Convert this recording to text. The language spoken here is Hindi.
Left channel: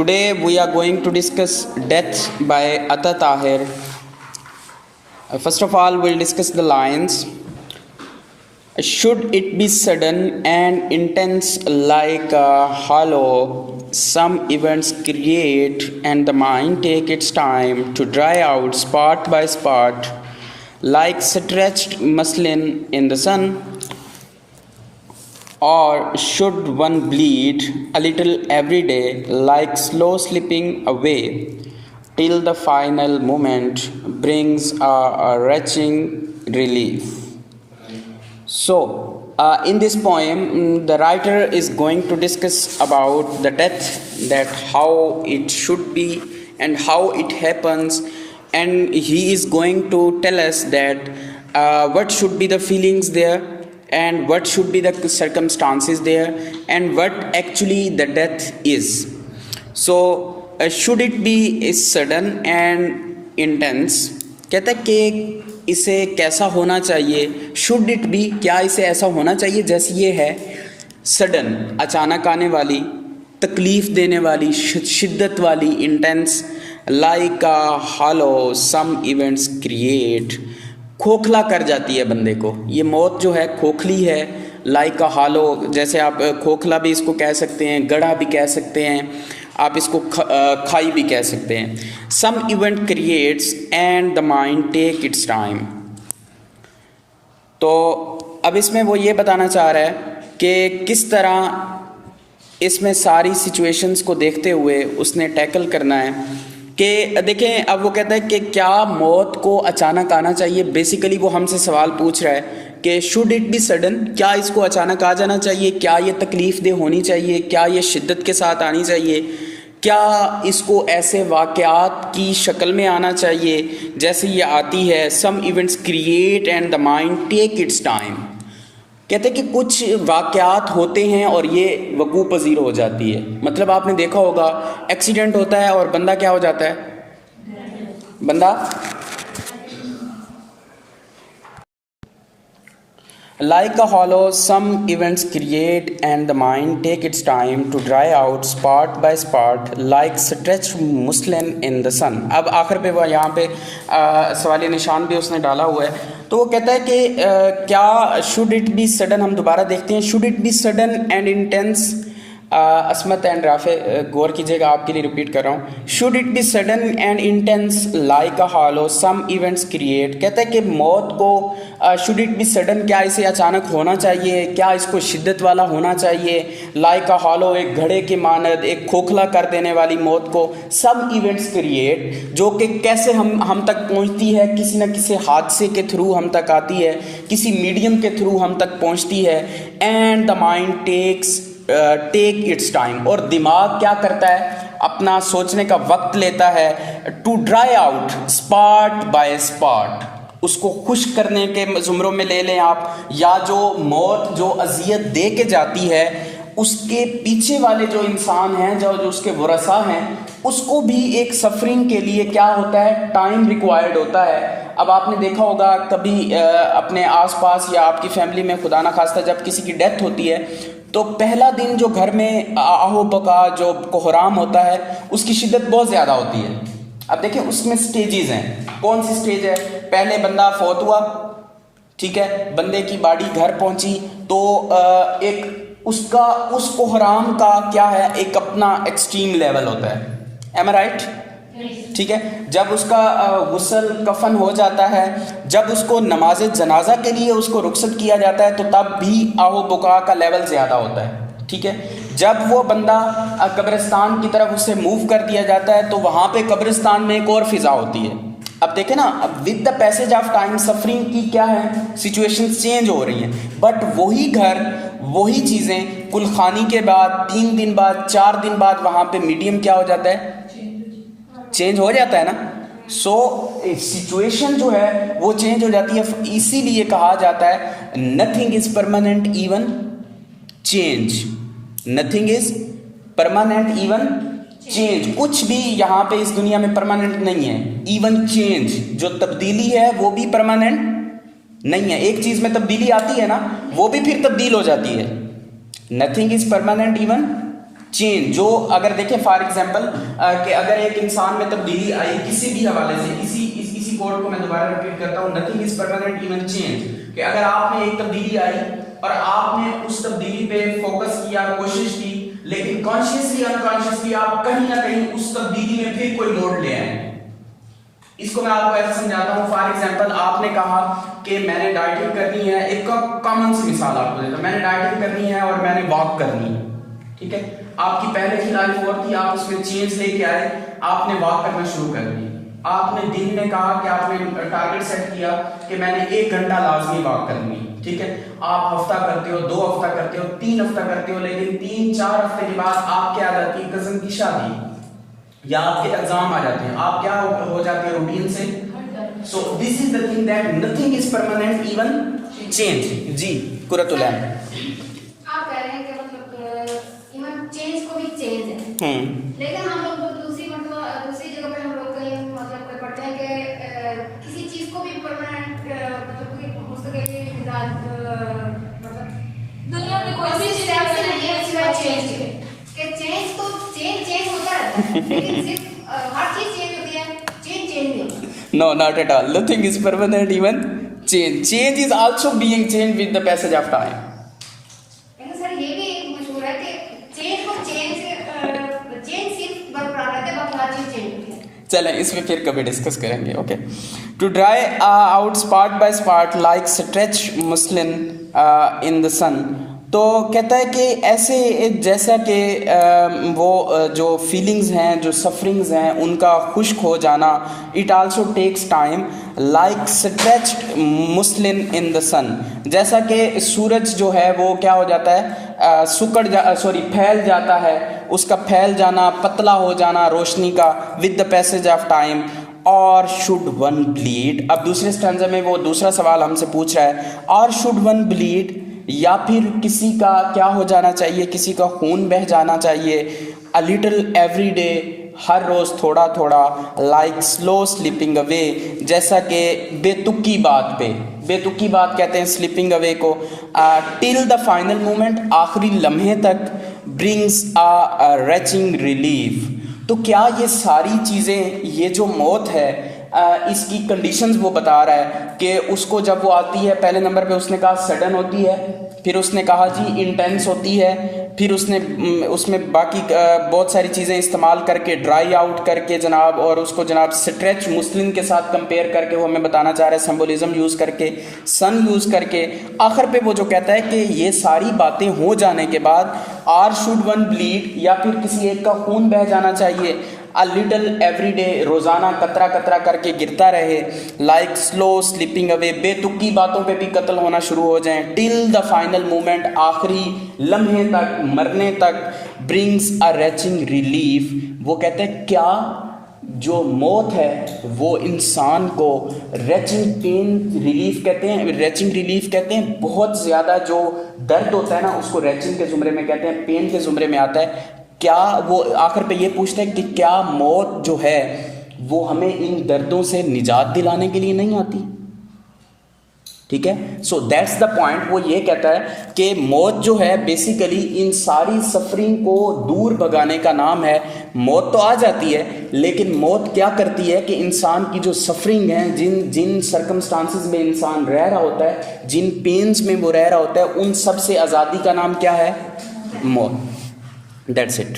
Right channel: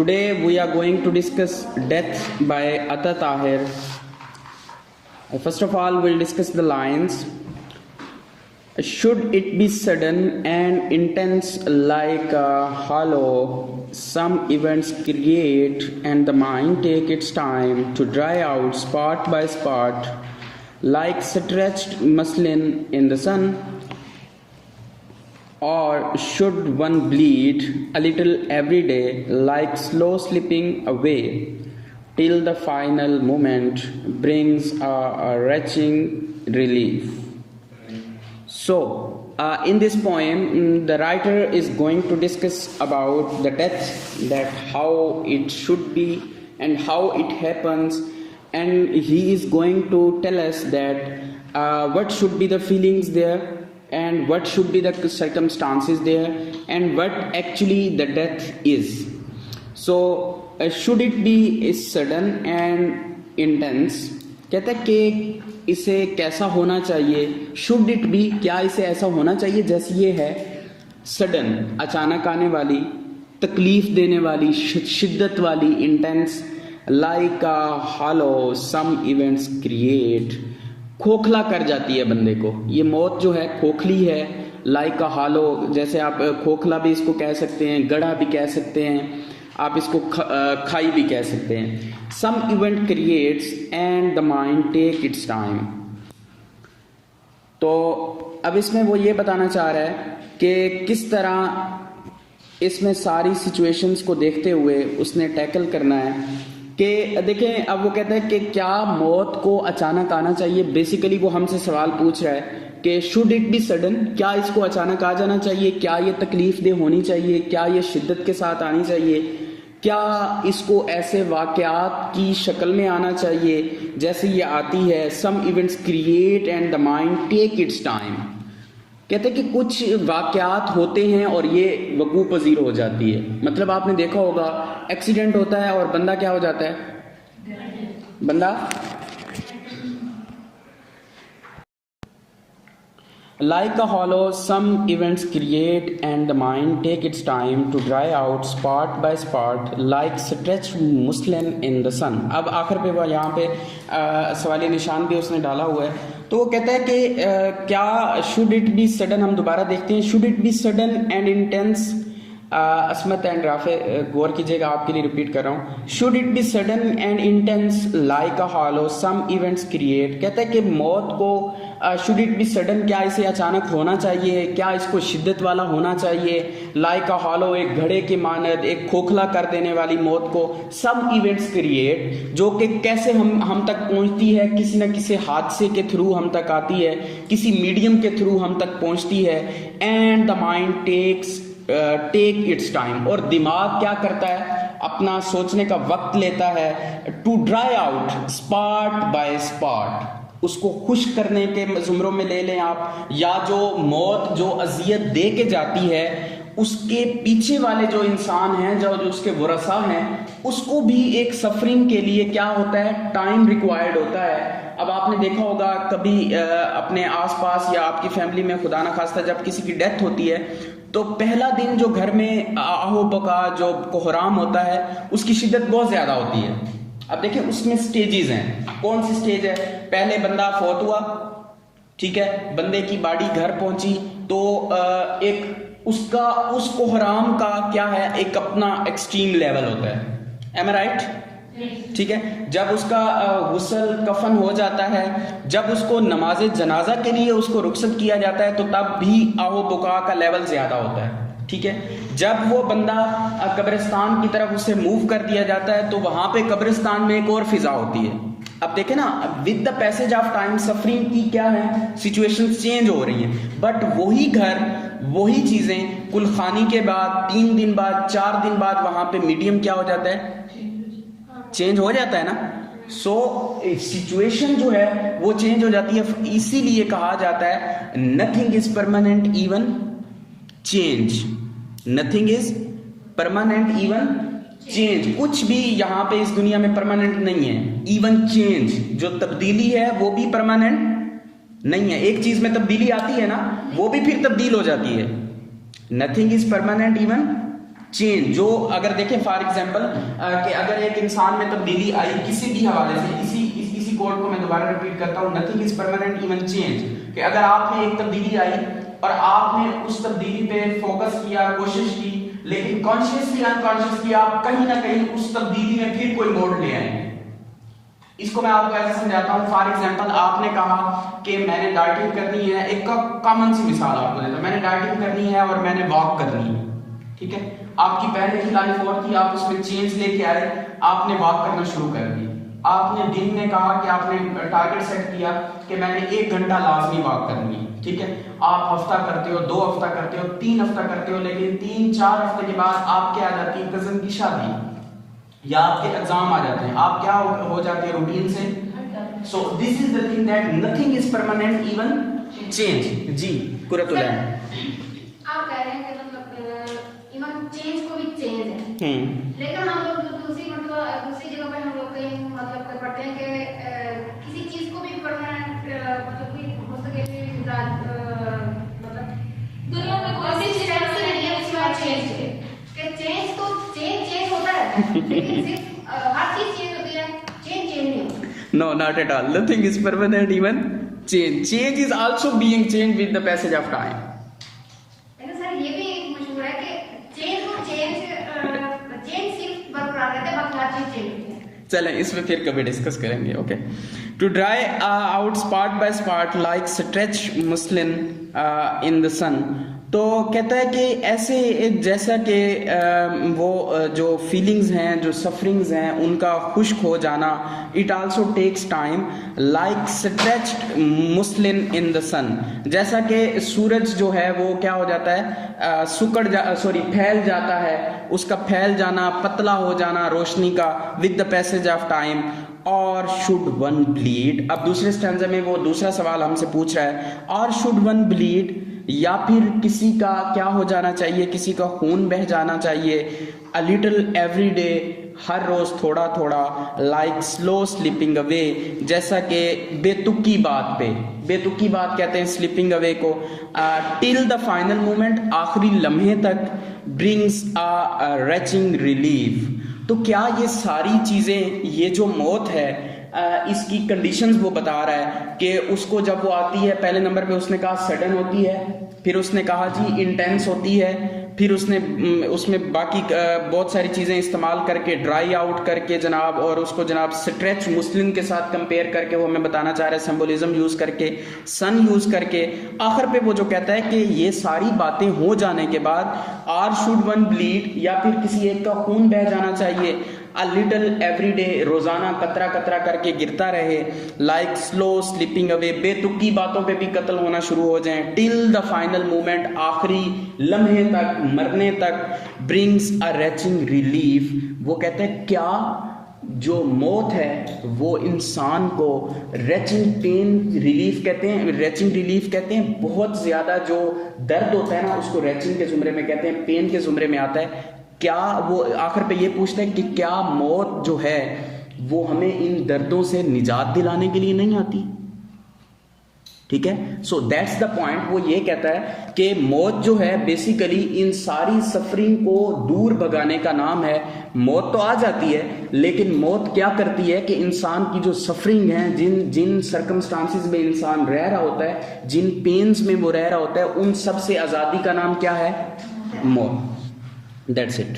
Today we are going to discuss Death by Ata Tahir. First of all, we'll discuss the lines. Should it be sudden and intense like a hollow, some events create and the mind take its time to dry out spot by spot, like stretched muslin in the sun? Or should one bleed a little every day, like slow slipping away, till the final moment brings a retching relief? So, in this poem, the writer is going to discuss about the death, that how it should be and how it happens, and he is going to tell us that what should be the feelings there, and what should be the circumstances there, and what actually the death is. So should it be sudden and intense, कहता है कि इसे कैसा होना चाहिए, शुड इट बी, क्या इसे ऐसा होना चाहिए जैसे ये है, सडन, अचानक आने वाली, तकलीफ देने वाली, शिद्दत वाली, intense, like a hollow some events create, खोखला कर जाती है बंदे को। ये मौत जो है खोखली है, लाइक अ हालो, जैसे आप खोखला भी इसको कह सकते हैं, गड़ा भी कह सकते हैं, आप इसको खाई भी कह सकते हैं। Some event creates and the mind take its time. तो अब इसमें वो ये बताना चाह रहा है कि किस तरह इसमें सारी सिचुएशंस को देखते हुए उसने टैकल करना है। कि देखें, अब वो कहता है कि क्या मौत को अचानक आना चाहिए। बेसिकली वो हमसे सवाल पूछ रहा है कि शुड इट बी सडन, क्या इसको अचानक आ जाना चाहिए, क्या ये तकलीफ दे होनी चाहिए, क्या ये शिद्दत के साथ आनी चाहिए, क्या इसको ऐसे वाक़यात की शक्ल में आना चाहिए जैसे ये आती है। Some events create and the mind take its time. कहते हैं कि कुछ वाक़यात होते हैं और ये वकूफ़ पज़ीर हो जाती है। मतलब आपने देखा होगा, एक्सीडेंट होता है और बंदा क्या हो जाता है, बंदा like a hollow, some events create and the mind take its time to dry out spot by spot, like stretched muslin in the sun. अब आखिर पे वो यहाँ पे सवाली निशान भी उसने डाला हुआ है। तो वो कहता है कि क्या शुड इट बी सडन, हम दोबारा देखते हैं, should it be sudden and intense. असमत एंड राफे गौर कीजिएगा, आपके लिए रिपीट कर रहा हूँ। Should it be sudden and intense like a hollow, some events create. कहते हैं कि मौत को शुड इट बी सडन, क्या इसे अचानक होना चाहिए, क्या इसको शिद्दत वाला होना चाहिए, लाइक अ हॉलो, एक घड़े के मानद, एक खोखला कर देने वाली मौत को। सम इवेंट्स क्रिएट, जो कि कैसे हम तक पहुँचती है, किसी न किसी हादसे के थ्रू हम तक आती है, किसी मीडियम के थ्रू हम तक पहुँचती है। And the mind take its time, और दिमाग क्या करता है, अपना सोचने का वक्त लेता है, to dry out spot by spot, उसको खुश करने के जुमरों में ले लें आप, या जो मौत जो अजियत दे के जाती है उसके पीछे वाले जो इंसान हैं, जो उसके वरसा हैं, उसको भी एक सफरिंग के लिए क्या होता है, टाइम रिक्वायर्ड होता है। अब आपने देखा होगा कभी अपने आसपास या आपकी फैमिली में खुदा ना खास्ता जब किसी की डेथ होती है तो पहला दिन जो घर में आहो बका, जो कोहराम होता है, उसकी शिद्दत बहुत ज़्यादा होती है। अब देखिए उसमें स्टेजेस हैं। कौन सी स्टेज है, पहले बंदा फौत हुआ, ठीक है, बंदे की बॉडी घर पहुंची तो एक उसका उस कोहराम का क्या है, एक अपना एक्सट्रीम लेवल होता है। एम आई राइट? ठीक है, जब उसका गुस्ल कफन हो जाता है, जब उसको नमाज जनाजा के लिए उसको रुखसत किया जाता है तो तब भी आओ बुका का लेवल ज़्यादा होता है। ठीक है, जब वो बंदा कब्रिस्तान की तरफ उसे मूव कर दिया जाता है तो वहाँ पे कब्रिस्तान में एक और फिज़ा होती है। अब देखें ना, with the passage of time suffering की क्या है, सिचुएशंस चेंज हो रही हैं, बट वही घर, वही चीज़ें कुलखानी के बाद 3 दिन बाद, 4 दिन बाद वहाँ पे मीडियम क्या हो जाता है, चेंज हो जाता है ना। सो सिचुएशन जो है वो चेंज हो जाती है। इसीलिए कहा जाता है nothing is permanent even change, nothing is permanent even change. कुछ भी यहाँ पे इस दुनिया में परमानेंट नहीं है। इवन चेंज, जो तब्दीली है वो भी परमानेंट नहीं है। एक चीज में तब्दीली आती है ना, वो भी फिर तब्दील हो जाती है। Nothing is permanent even change जो अगर देखें फॉर एग्जांपल कि अगर एक इंसान में तब्दीली आई किसी भी हवाले से, इसी कोड को मैं दोबारा रिपीट करता हूँ, nothing is permanent even change, कि अगर आप में एक तब्दीली आई और आपने उस तब्दीली पे फोकस किया, कोशिश की, लेकिन कॉन्शियसली अनकॉन्शियसली आप कहीं ना कहीं उस तब्दीली में फिर कोई मोड़ ले आए। इसको मैं आपको ऐसे समझाता हूँ। फॉर एग्जांपल आपने कहा कि मैंने डाइटिंग करनी है, एक कॉमन सी मिसाल आपको देता हूं, मैंने डाइटिंग करनी है और मैंने वॉक करनी है, ठीक है। आपकी पहले की लाइफ और थी, आप उसमें चेंज लेके आए, आपने वॉक करना शुरू कर दी। आपने दिन में कहा कि आपने टारगेट सेट किया कि मैंने 1 घंटा लाजमी वॉक करनी है, ठीक है। आप हफ्ता करते हो, 2 हफ्ता करते हो, 3 हफ्ता करते हो, लेकिन 3-4 हफ्ते के बाद आप क्या आ जाती है, कजन की शादी या आपके एग्जाम आ जाते हैं, आप क्या हो जाते हैं रूटीन से। So this is the thing that nothing is permanent even change. जी कुरतुल आप कह रहे हैं कि मतलब इवन चेंज को भी चेंज है, लेकिन हम लोग दूसरी जगह पर हम लोग कहीं मतलब पढ़ते हैं कि किसी चीज को भी परमानेंट मतलब कोई मुस्तकिल मतलब दुनिया में कोई ऐसी चीज नहीं है सिवाय चेंज के। चेंज तो चेंज होता है, लेकिन सिर्फ हर चीज चेंज होती है, चेंज नहीं होता। No, not at all. Nothing is permanent, even change. Change is also being changed with the passage of time. लेकिन सर ये भी एक मशहूर है कि चेंज सिर्फ बरकरार रहता है, बाकी हर चीज चेंज होती है। चलें इस पे फिर कभी डिस्कस करेंगे। Okay, to dry out spot by spot like stretch muslin in the sun. तो कहता है कि ऐसे जैसा कि वो जो फीलिंग्स हैं, जो सफरिंग्स हैं, उनका खुश्क हो जाना, it also takes time like stretch muslin in the sun. जैसा कि सूरज जो है वो क्या हो जाता है, फैल जाता है, उसका फैल जाना, पतला हो जाना रोशनी का with the passage of time. और शुड वन ब्लीड, अब दूसरे स्टैंजा में वो दूसरा सवाल हमसे पूछ रहा है, और शुड वन ब्लीड, या फिर किसी का क्या हो जाना चाहिए, किसी का खून बह जाना चाहिए, अ लिटिल एवरी डे, हर रोज थोड़ा थोड़ा, लाइक स्लो स्लीपिंग अवे, जैसा कि बेतुकी बात पे, बेतुकी बात कहते हैं स्लीपिंग अवे को, टिल द फाइनल मोमेंट, आखिरी लम्हे तक, ब्रिंग्स अ रेचिंग रिलीफ। तो क्या ये सारी चीज़ें, ये जो मौत है, इसकी कंडीशंस वो बता रहा है कि उसको जब वो आती है, पहले नंबर पे उसने कहा सडन होती है, फिर उसने कहा जी इंटेंस होती है, फिर उसने उसमें बाकी बहुत सारी चीज़ें इस्तेमाल करके, ड्राई आउट करके जनाब, और उसको जनाब स्ट्रेच मुस्लिन के साथ कंपेयर करके वो हमें बताना चाह रहा है, सिंबोलिज्म यूज़ करके, सन यूज़ करके, आखिर पे वो जो कहता है कि ये सारी बातें हो जाने के बाद, आर शुड वन ब्लीड, या फिर किसी एक का खून बह जाना चाहिए, अ लिटिल एवरी डे, रोज़ाना कतरा कतरा करके गिरता रहे, लाइक स्लो स्लीपिंग अवे, बेतुकी बातों पे भी कत्ल होना शुरू हो जाएं, टिल द फाइनल मोमेंट, आखिरी लम्हे तक, मरने तक, ब्रिंग्स अ रेचिंग रिलीफ। वो कहते हैं क्या जो मौत है वो इंसान को रेचिंग पेन रिलीफ कहते हैं, रेचिंग रिलीफ कहते हैं, बहुत ज़्यादा जो दर्द होता है ना उसको रेचिंग के ज़ुमरे में कहते हैं, पेन के ज़ुमरे में आता है। क्या वो आखिर पे ये पूछते हैं कि क्या मौत जो है वो हमें इन दर्दों से निजात दिलाने के लिए नहीं आती, ठीक है। So that's the point. वो ये कहता है कि मौत जो है बेसिकली इन सारी सफरिंग को दूर भगाने का नाम है। मौत तो आ जाती है, लेकिन मौत क्या करती है कि इंसान की जो सफरिंग है, जिन सर्कमस्टांसिस में इंसान रह रहा होता है, जिन पेन्स में वो रह रहा होता है, उन सब से आज़ादी का नाम क्या है, मौत। That's it.